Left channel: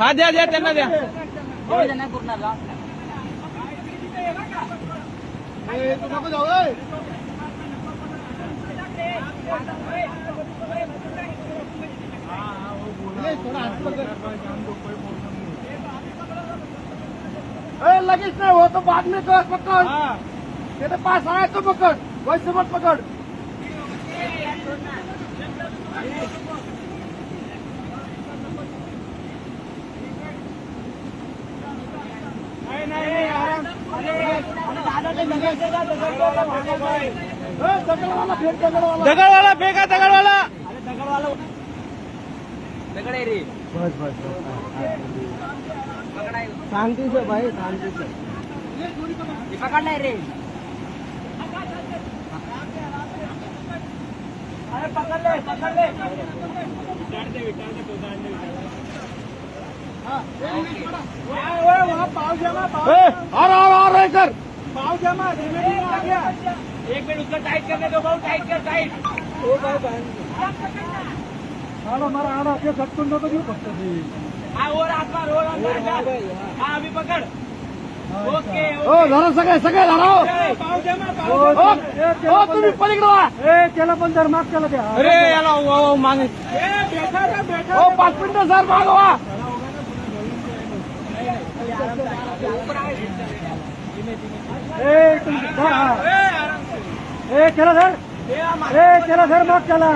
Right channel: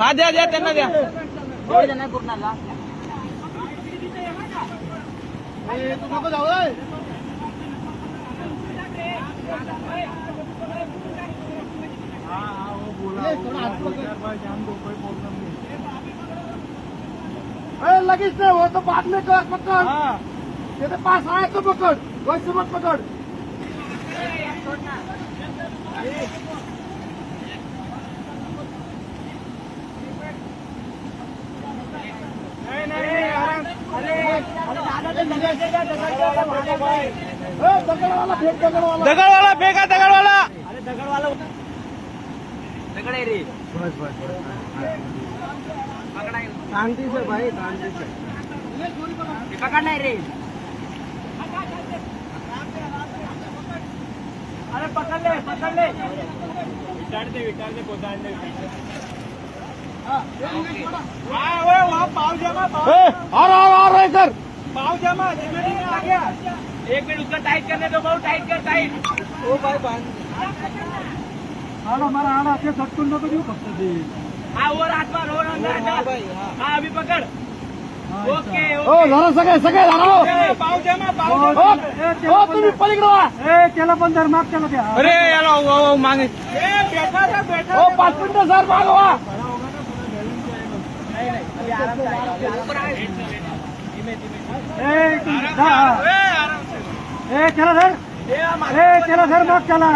हा द्या द्या त्यांना द्या नको जाऊ लगेच नहीं हो तो बाद में कर पकड़ मेरे पास आए तो पकड़ वैसे मत पकड़ दगड़वाला फेंका दगड़वाला दगड़ रे शांति से भाई शांति से पकड़ नहीं रे पकड़ ले विकास ने पहुंचा दे वहाँ पाव जमा आ रहे सर पाव जमा एक मिनट उसका टाइट करने दो बहुत टाइट कर टाइट ओ भाई हमारा आना के सब तुम तो क्यों करते थे हाँ और आसमान हो हाँ अभी पकड़ ओके ओ धरो सगळे धरो पाव जमा ओ तुम्ही पलीकडे वा त्याला पण धर माग केलं द्या अरे याला मागे ओ 5 मिनिटं सर मागवा चलो घर मत चला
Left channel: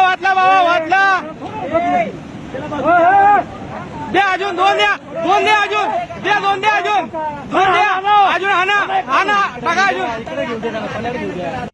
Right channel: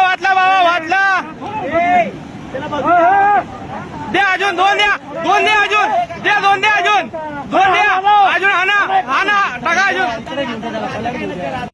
वाटला बाबा वाटला द्या अजून दोन द्या अजून द्या दोन द्या अजून हा ना टाका अजून